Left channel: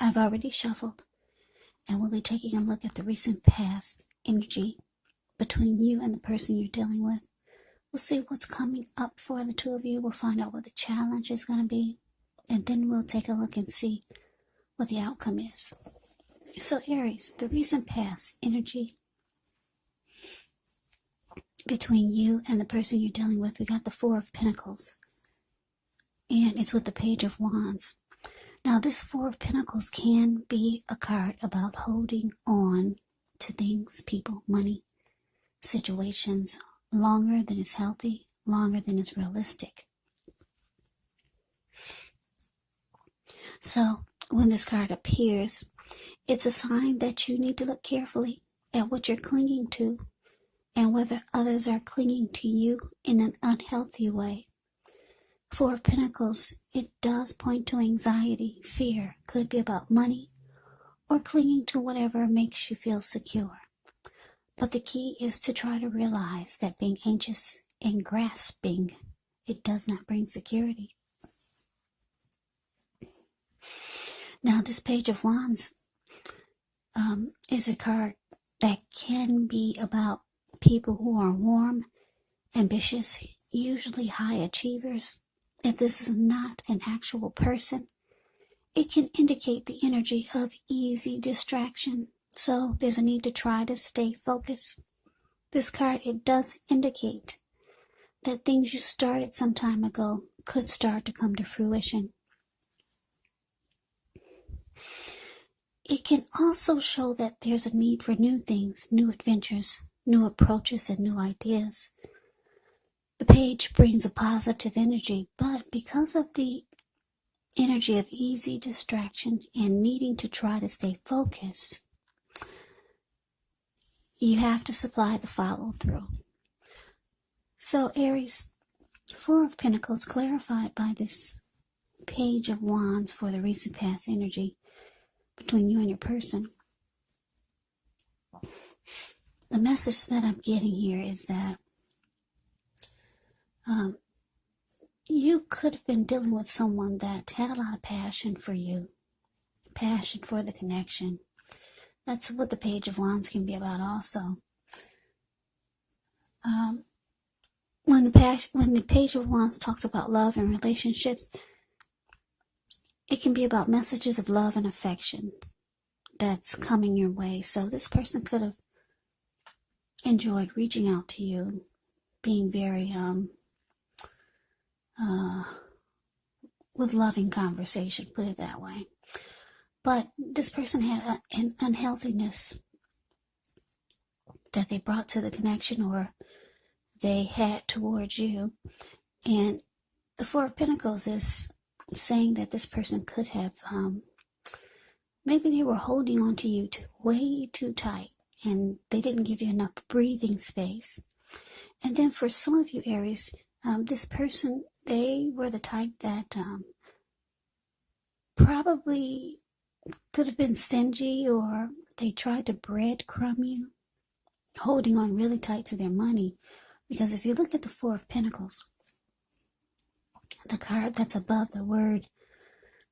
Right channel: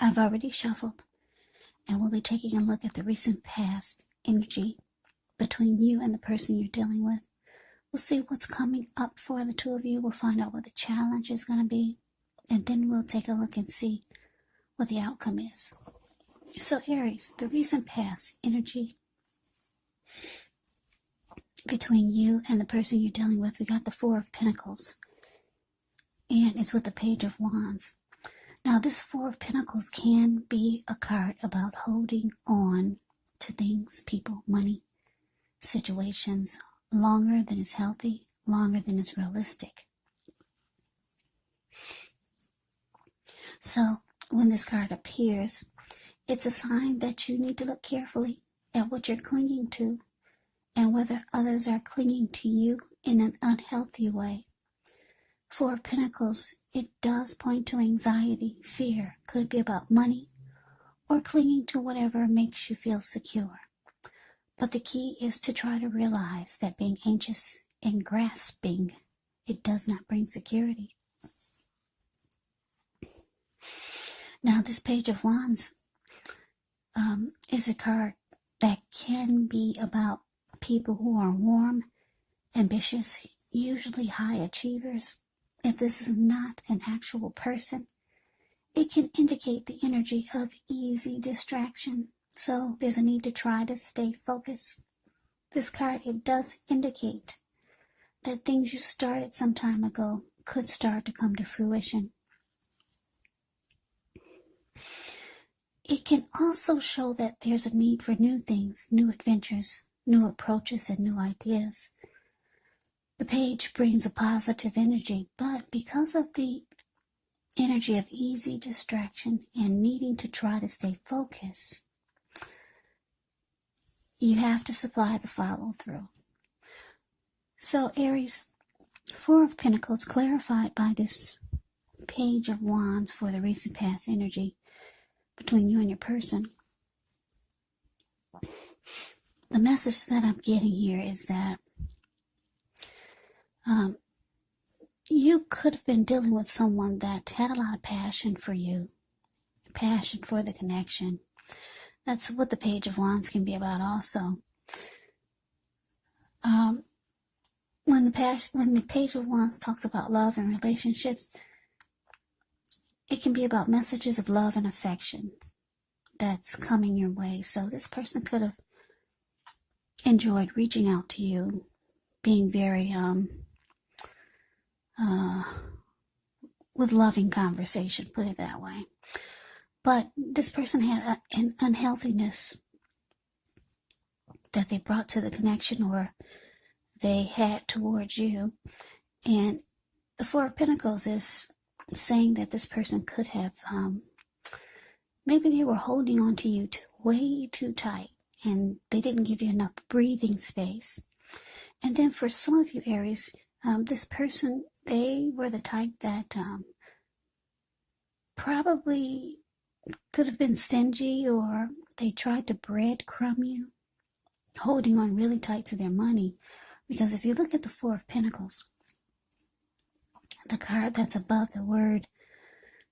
I've already shuffled, and we'll be taking a look at the recent past energy between you and the person you're dealing with. We'll see what's coming up for the two of you. We'll find out what the challenge is going to be, and then we'll take a look and see what the outcome is. So Aries, the recent past energy between you and the person you're dealing with, we got the Four of Pentacles, and it's with the Page of Wands. Now, this Four of Pentacles can be a card about holding on to things, people, money, situations, longer than is healthy, longer than is realistic. So, when this card appears, it's a sign that you need to look carefully at what you're clinging to and whether others are clinging to you in an unhealthy way. Four of Pentacles, it does point to anxiety, fear. Could be about money or clinging to whatever makes you feel secure. But the key is to try to realize that being anxious and grasping, it does not bring security. Now, this Page of Wands is a card that can be about people who are warm, ambitious, usually high achievers. If this is not an actual person, it can indicate the energy of easy distraction. So there's a need to try to stay focused. This card, it does indicate that things you started some time ago could start to come to fruition. It can also show that there's a need for new things, new adventures, new approaches, and new ideas. The page brings a positive energy, but because of the energy of easy distraction and needing to try to stay focused, you have to supply the follow-through. So Aries, Four of Pentacles clarified by this Page of Wands for the recent past energy between you and your person. The message that I'm getting here is that you could have been dealing with someone that had a lot of passion for you, passion for the connection. That's what the Page of Wands can be about also. When the Page of Wands talks about love and relationships, it can be about messages of love and affection that's coming your way. So this person could have enjoyed reaching out to you, being very with loving conversation, put it that way. But this person had an unhealthiness that they brought to the connection or they had towards you. And the Four of Pentacles is saying that this person could have, maybe they were holding on to you way too tight and they didn't give you enough breathing space. And then for some of you Aries, this person, they were the type that probably could have been stingy, or they tried to breadcrumb you, holding on really tight to their money. Because if you look at the Four of Pentacles, the card that's above the word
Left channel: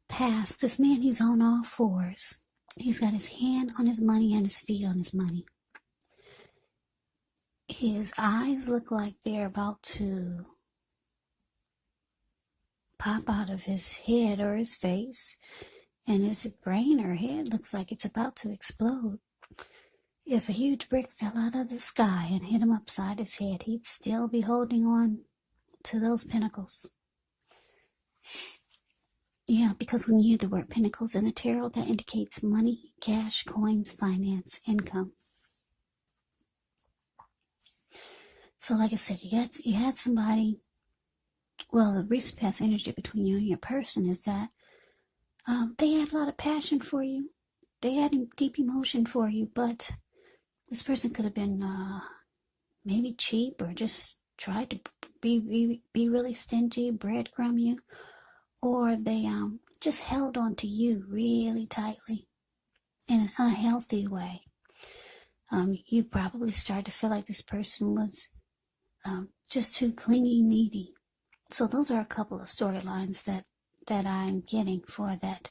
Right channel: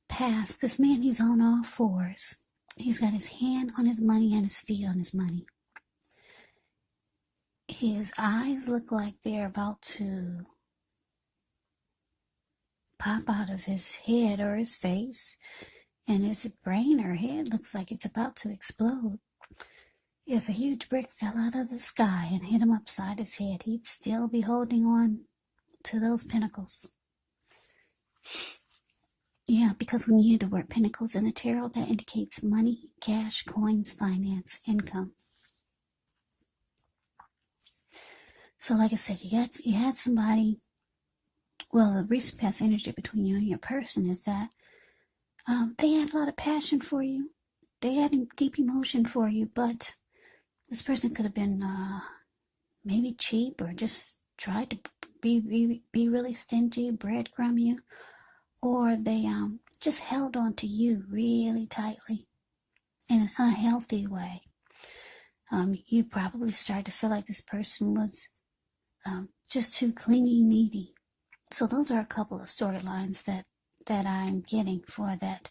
past, this man, he's on all fours. He's got his hand on his money and his feet on his money. His eyes look like they're about to pop out of his head or his face, and his brain or head looks like it's about to explode. If a huge brick fell out of the sky and hit him upside his head, he'd still be holding on to those pentacles. Yeah, because when you hear the word pentacles in the tarot, that indicates money, cash, coins, finance, income. So like I said, you had somebody. Well, the recent past energy between you and your person is that they had a lot of passion for you. They had deep emotion for you, but this person could have been maybe cheap or just tried to be really stingy, breadcrumb you, or they just held on to you really tightly in an unhealthy way. You probably started to feel like this person was just too clingy, needy. So those are a couple of storylines that that I'm getting for that,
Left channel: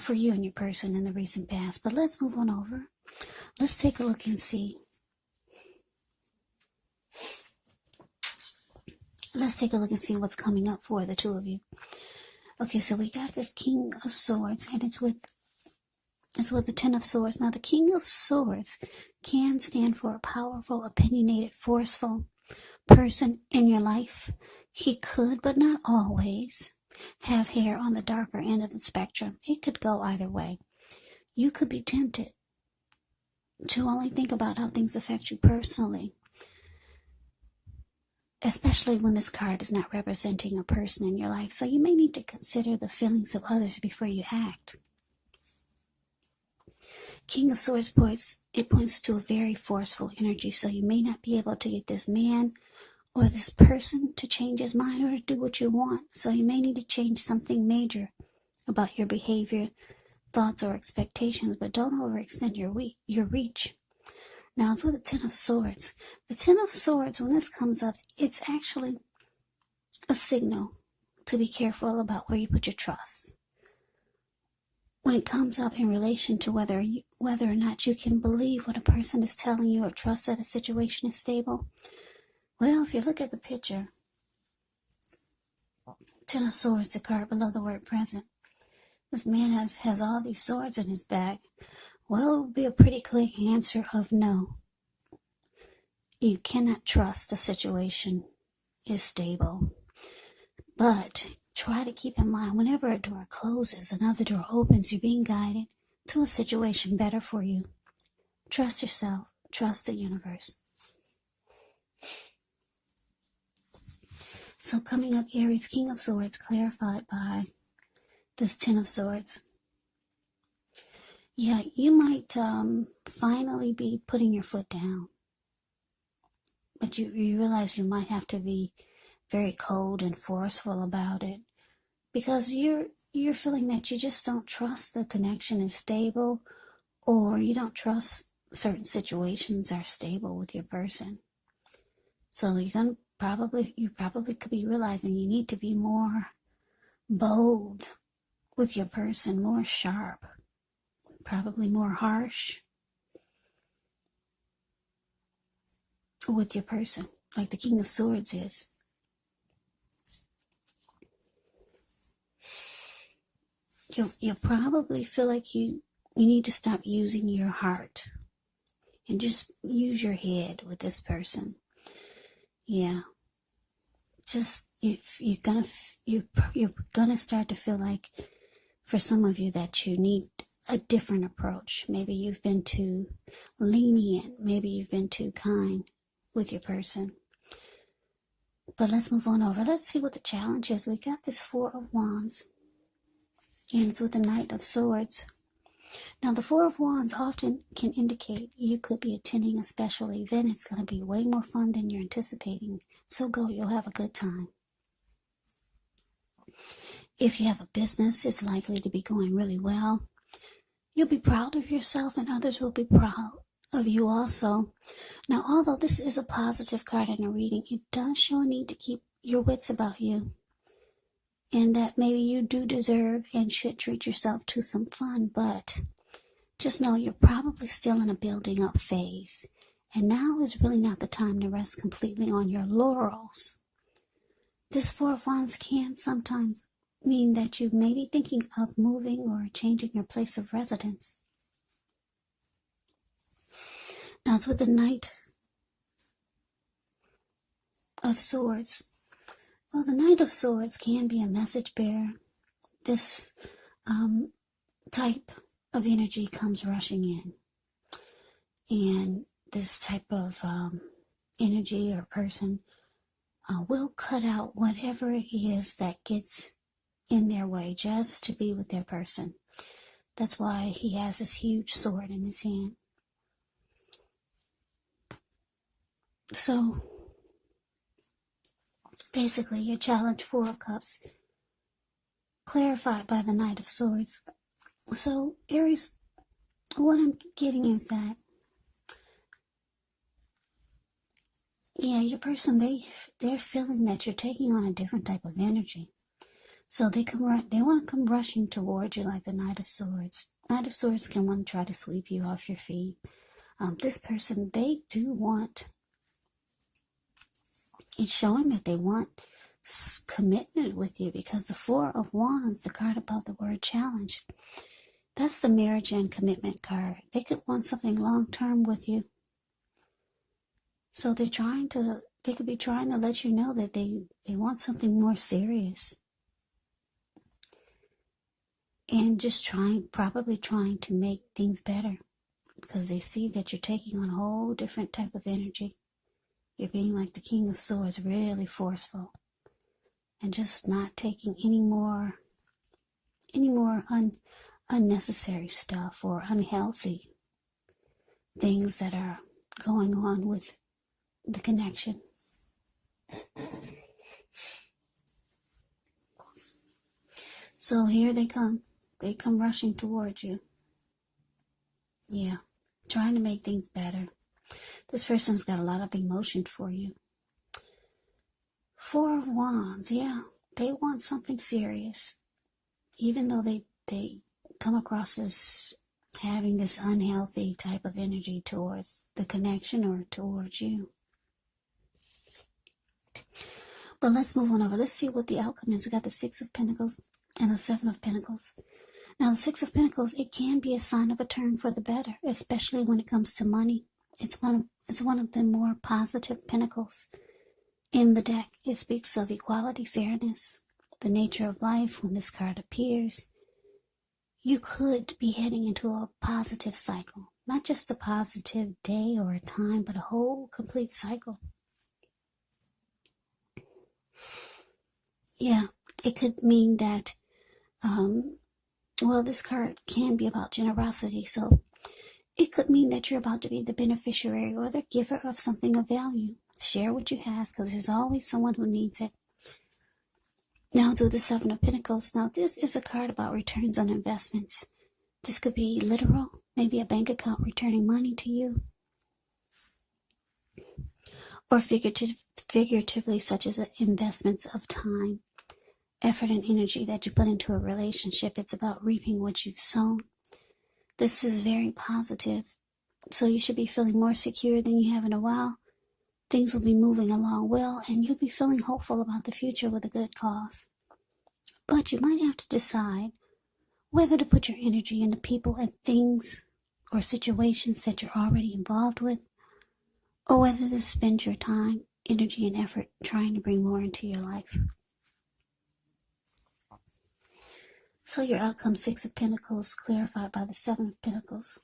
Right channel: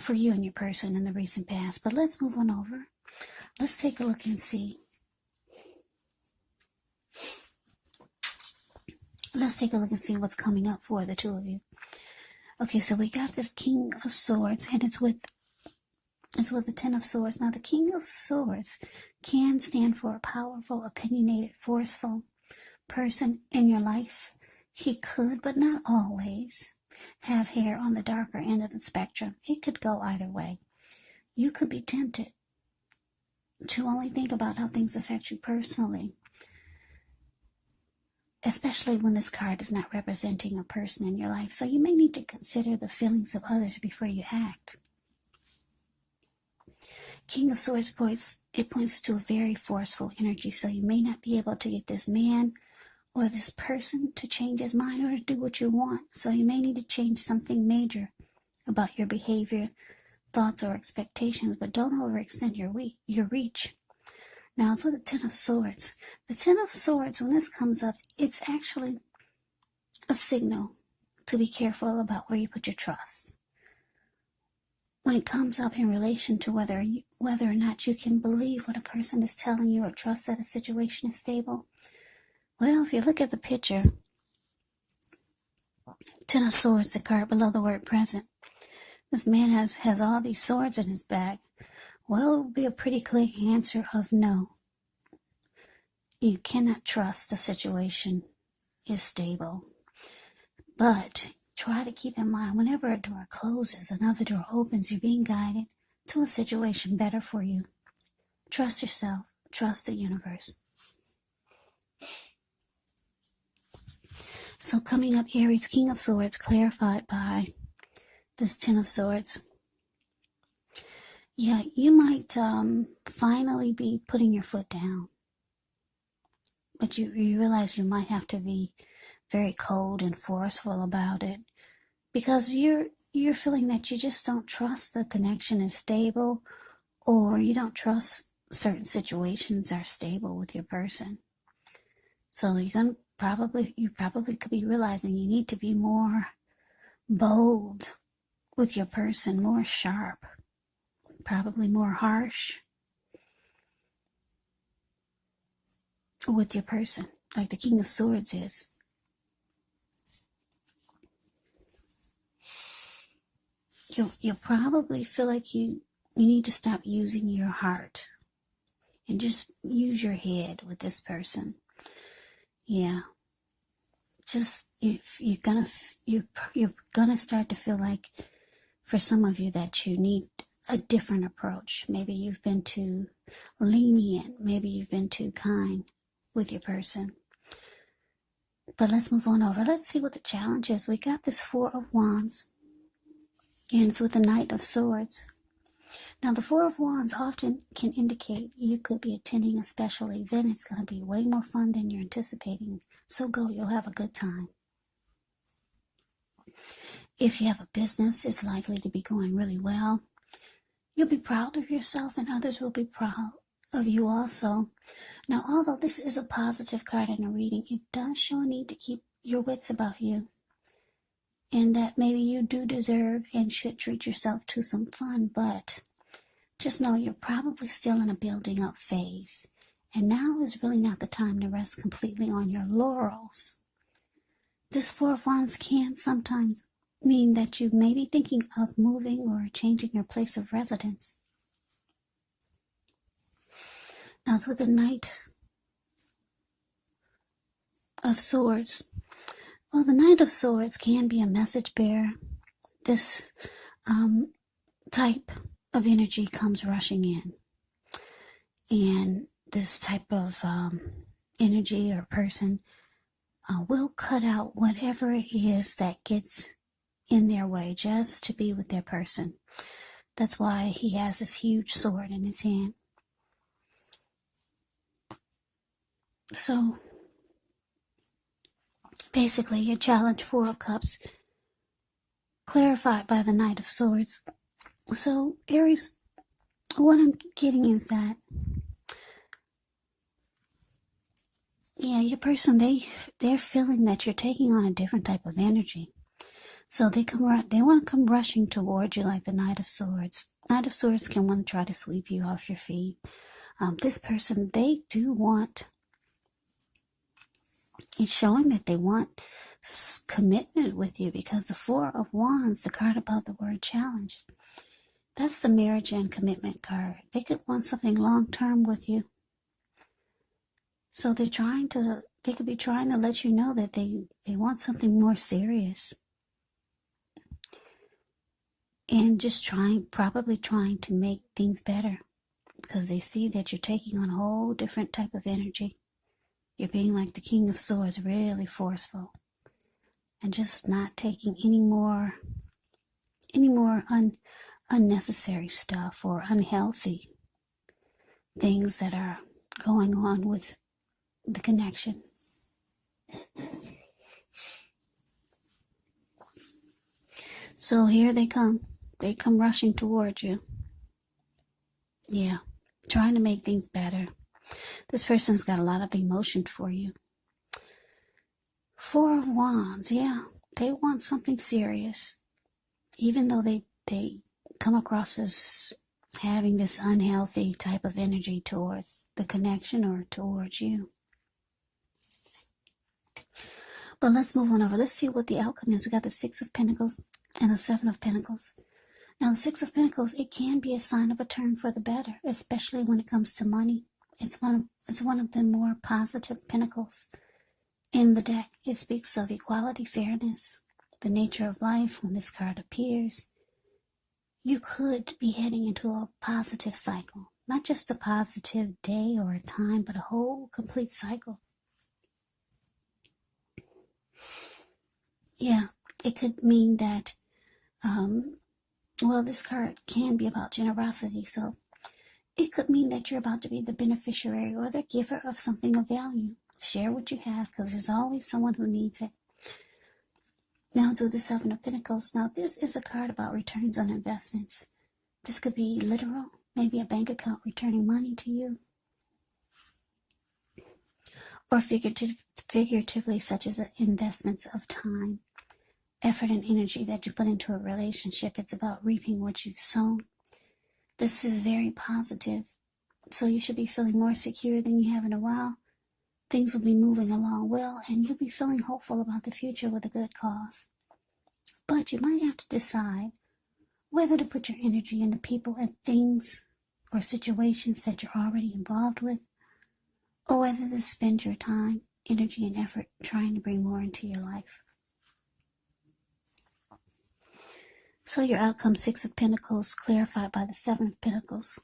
for you and your person in the recent past. But let's move on over. Let's take a look and see. Let's take a look and see what's coming up for the two of you. Okay, so we got this King of Swords, and it's with the Ten of Swords. Now, the King of Swords can stand for a powerful, opinionated, forceful person in your life. He could, but not always, have hair on the darker end of the spectrum. It could go either way. You could be tempted to only think about how things affect you personally, especially when this card is not representing a person in your life. So you may need to consider the feelings of others before you act. King of Swords points to a very forceful energy, so you may not be able to get this man or this person to change his mind or to do what you want. So you may need to change something major about your behavior, thoughts, or expectations, but don't overextend your reach. Now, it's with the Ten of Swords. The Ten of Swords, when this comes up, it's actually a signal to be careful about where you put your trust. When it comes up in relation to whether or not you can believe what a person is telling you or trust that a situation is stable, well, if you look at the picture, Ten of Swords, the card below the word present, this man has all these swords in his bag. Well, it will be a pretty clear answer of no. You cannot trust a situation is stable. But try to keep in mind, whenever a door closes, another door opens, you're being guided to a situation better for you. Trust yourself. Trust the universe. So coming up, Aries, King of Swords, clarified by this Ten of Swords. Yeah, you might finally be putting your foot down. But you realize you might have to be very cold and forceful about it. Because you're feeling that you just don't trust the connection is stable, or you don't trust certain situations are stable with your person. So you probably could be realizing you need to be more bold with your person, more sharp, probably more harsh with your person, like the King of Swords is. You probably feel like you need to stop using your heart and just use your head with this person. Yeah. Just you're gonna start to feel like, for some of you, that you need a different approach. Maybe you've been too lenient. Maybe you've been too kind with your person. But let's move on over. Let's see what the challenge is. We got this Four of Wands, and it's with the Knight of Swords. Now, the Four of Wands often can indicate you could be attending a special event. It's going to be way more fun than you're anticipating. So go, you'll have a good time. If you have a business, it's likely to be going really well. You'll be proud of yourself, and others will be proud of you also. Now, although this is a positive card in a reading, it does show a need to keep your wits about you, and that maybe you do deserve and should treat yourself to some fun, but just know you're probably still in a building up phase, and now is really not the time to rest completely on your laurels. This Four of Wands can sometimes mean that you may be thinking of moving or changing your place of residence. Now, it's with the Knight of Swords. Well, the Knight of Swords can be a message bearer. This type of energy comes rushing in. And this type of energy or person will cut out whatever it is that gets in their way just to be with their person. That's why he has this huge sword in his hand. So, basically, your challenge, Four of Cups, clarified by the Knight of Swords. So, Aries, what I'm getting is that, yeah, your person, they're feeling that you're taking on a different type of energy. So they want to come rushing towards you like the Knight of Swords. Knight of Swords can want to try to sweep you off your feet. This person, they do want, it's showing that they want commitment with you, because the Four of Wands, the card above the word challenge, that's the marriage and commitment card. They could want something long-term with you. So they could be trying to let you know that they want something more serious. And just probably trying to make things better, because they see that you're taking on a whole different type of energy. You're being like the King of Swords, really forceful, and just not taking any more unnecessary stuff or unhealthy things that are going on with the connection. So here they come. They come rushing towards you. Yeah, trying to make things better. This person's got a lot of emotion for you. Four of Wands, yeah. They want something serious. Even though they come across as having this unhealthy type of energy towards the connection or towards you. But let's move on over. Let's see what the outcome is. We got the Six of Pentacles and the Seven of Pentacles. Now, the Six of Pentacles, it can be a sign of a turn for the better, especially when it comes to money. It's one of the more positive pentacles in the deck. It speaks of equality, fairness, the nature of life. When this card appears, you could be heading into a positive cycle. Not just a positive day or a time, but a whole complete cycle. Yeah, it could mean that, this card can be about generosity, so it could mean that you're about to be the beneficiary or the giver of something of value. Share what you have, because there's always someone who needs it. Now to the Seven of Pentacles. Now this is a card about returns on investments. This could be literal, maybe a bank account returning money to you. Or figuratively, such as investments of time, effort, and energy that you put into a relationship. It's about reaping what you've sown. This is very positive, so you should be feeling more secure than you have in a while. Things will be moving along well, and you'll be feeling hopeful about the future with a good cause. But you might have to decide whether to put your energy into people and things or situations that you're already involved with, or whether to spend your time, energy, and effort trying to bring more into your life. So your outcome, Six of Pentacles, clarified by the Seven of Pentacles.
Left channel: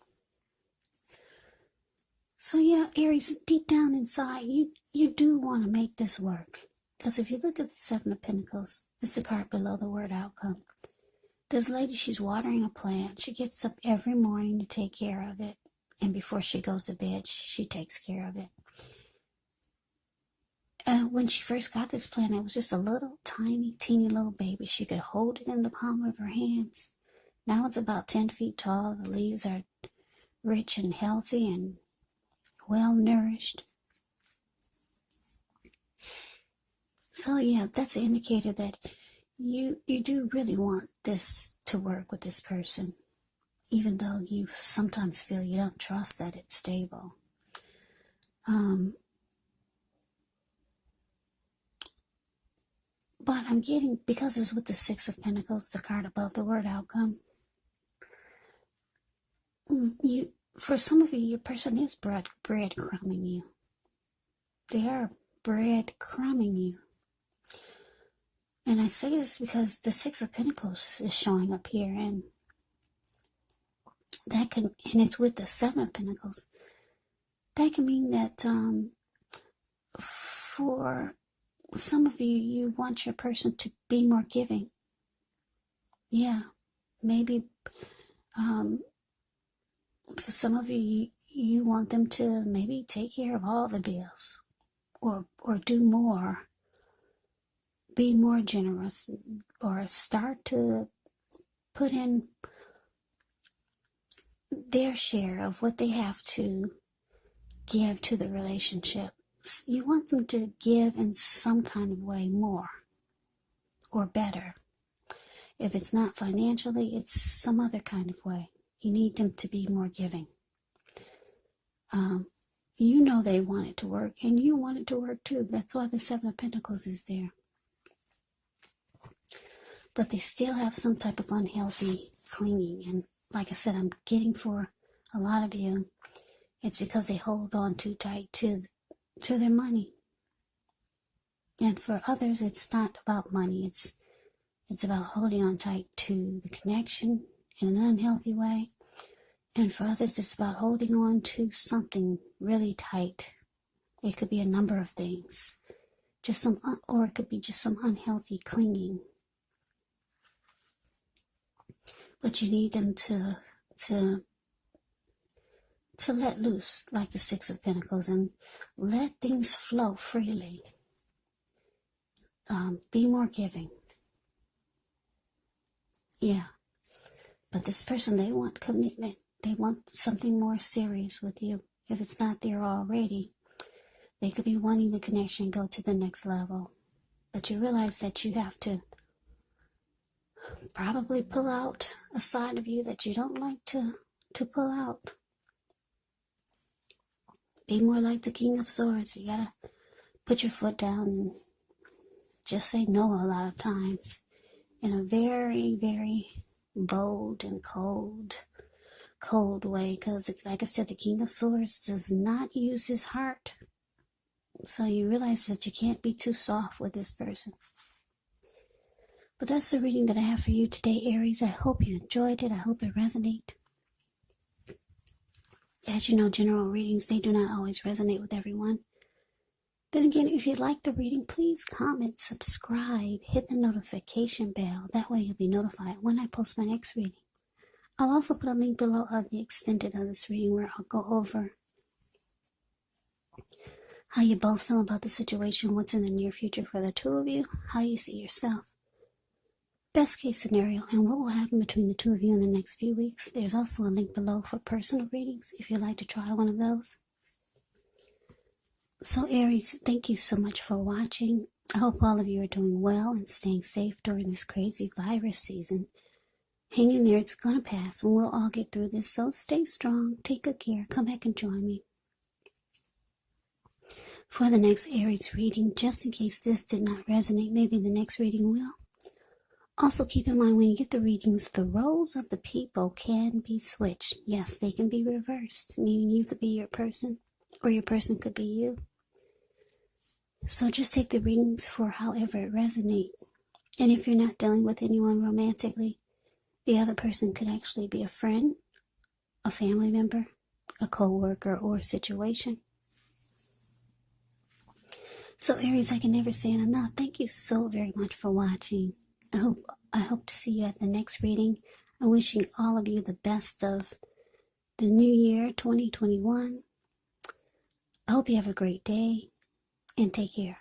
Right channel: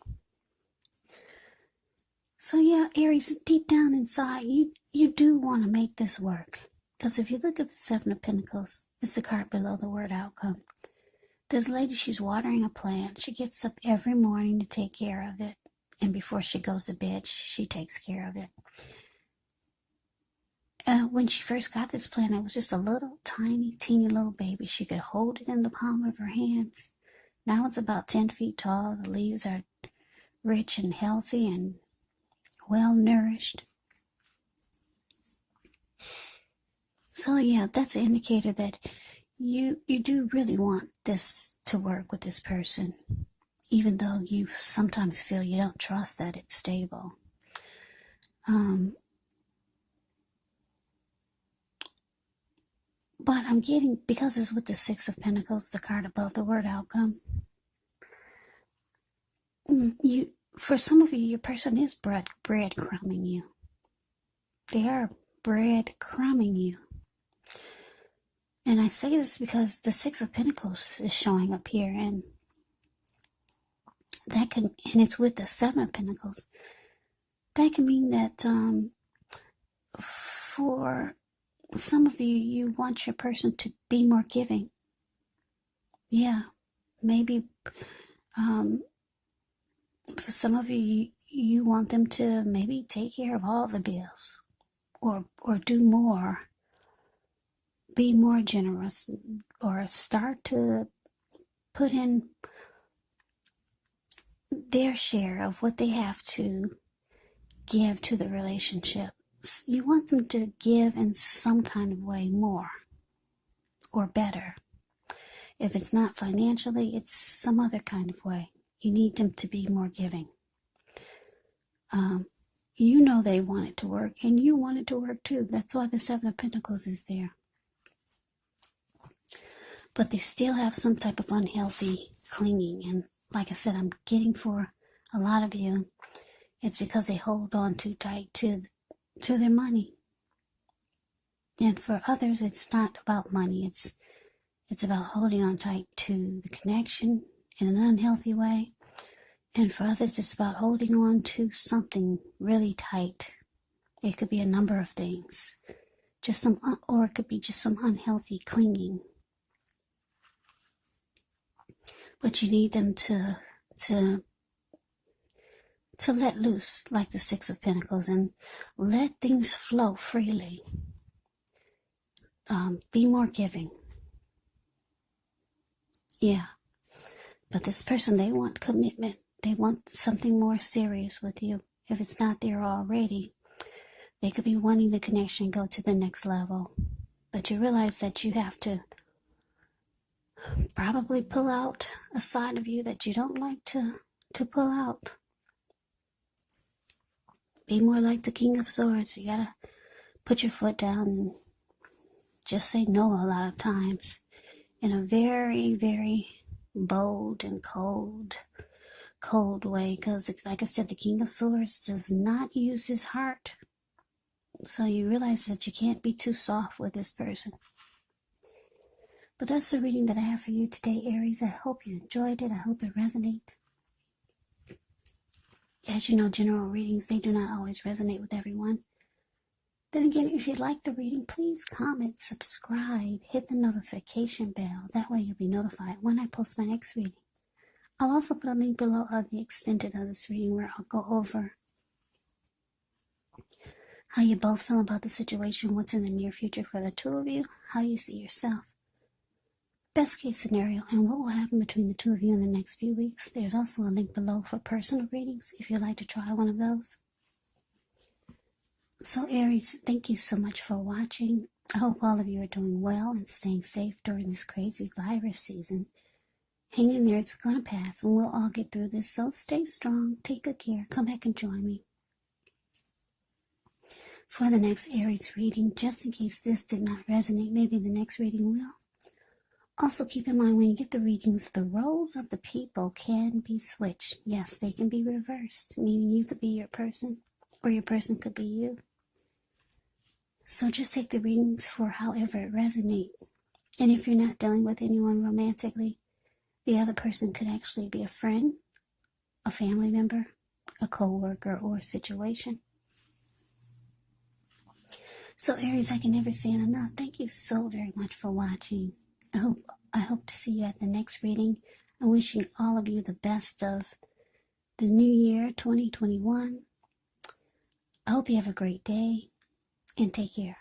So yeah, Aries, deep down inside, you do want to make this work. Because if you look at the Seven of Pentacles, it's the card below the word outcome. This lady, she's watering a plant. She gets up every morning to take care of it. And before she goes to bed, she takes care of it. When she first got this plant, it was just a little teeny little baby. She could hold it in the palm of her hands. Now it's about 10 feet tall. The leaves are rich and healthy and well nourished. So yeah, that's an indicator that you do really want this to work with this person, even though you sometimes feel you don't trust that it's stable. But I'm getting, because it's with the Six of Pentacles, the card above the word outcome, for some of you, your person is breadcrumbing you. They are breadcrumbing you. And I say this because the Six of Pentacles is showing up here, and it's with the Seven of Pentacles. That can mean that for some of you, you want your person to be more giving. Yeah, maybe for some of you, you want them to maybe take care of all the bills, or do more, be more generous, or start to put in their share of what they have to give to the relationship. You want them to give in some kind of way more or better. If it's not financially, it's some other kind of way. You need them to be more giving. You know they want it to work, and you want it to work too. That's why the Seven of Pentacles is there. But they still have some type of unhealthy clinging. And like I said, I'm getting for a lot of you, it's because they hold on too tight to their money. And for others, it's not about money. It's about holding on tight to the connection in an unhealthy way. And for others, it's about holding on to something really tight. It could be a number of things. Or it could be just some unhealthy clinging. But you need them to let loose, like the Six of Pentacles, and let things flow freely. Be more giving. Yeah. But this person, they want commitment. They want something more serious with you. If it's not there already, they could be wanting the connection go to the next level. But you realize that you have to probably pull out a side of you that you don't like to pull out. Be more like the King of Swords. You gotta put your foot down and just say no a lot of times in a very, very bold and cold way, because like I said, the King of Swords does not use his heart. So you realize that you can't be too soft with this person. But that's the reading that I have for you today, Aries. I hope you enjoyed it. I hope it resonated. As you know, general readings, they do not always resonate with everyone. Then again, if you like the reading, please comment, subscribe, hit the notification bell. That way you'll be notified when I post my next reading. I'll also put a link below of the extended of this reading where I'll go over how you both feel about the situation, what's in the near future for the two of you, how you see yourself, best case scenario, and what will happen between the two of you in the next few weeks. There's also a link below for personal readings if you'd like to try one of those. So Aries, thank you so much for watching. I hope all of you are doing well and staying safe during this crazy virus season. Hang in there, it's going to pass, and we'll all get through this. So stay strong, take good care, come back and join me for the next Aries reading, just in case this did not resonate. Maybe the next reading will. Also keep in mind when you get the readings, the roles of the people can be switched. Yes, they can be reversed, meaning you could be your person, or your person could be you. So just take the readings for however it resonates. And if you're not dealing with anyone romantically, the other person could actually be a friend, a family member, a co-worker, or a situation. So Aries, I can never say it enough. Thank you so very much for watching. I hope to see you at the next reading. I'm wishing all of you the best of the new year, 2021. I hope you have a great day, and take care.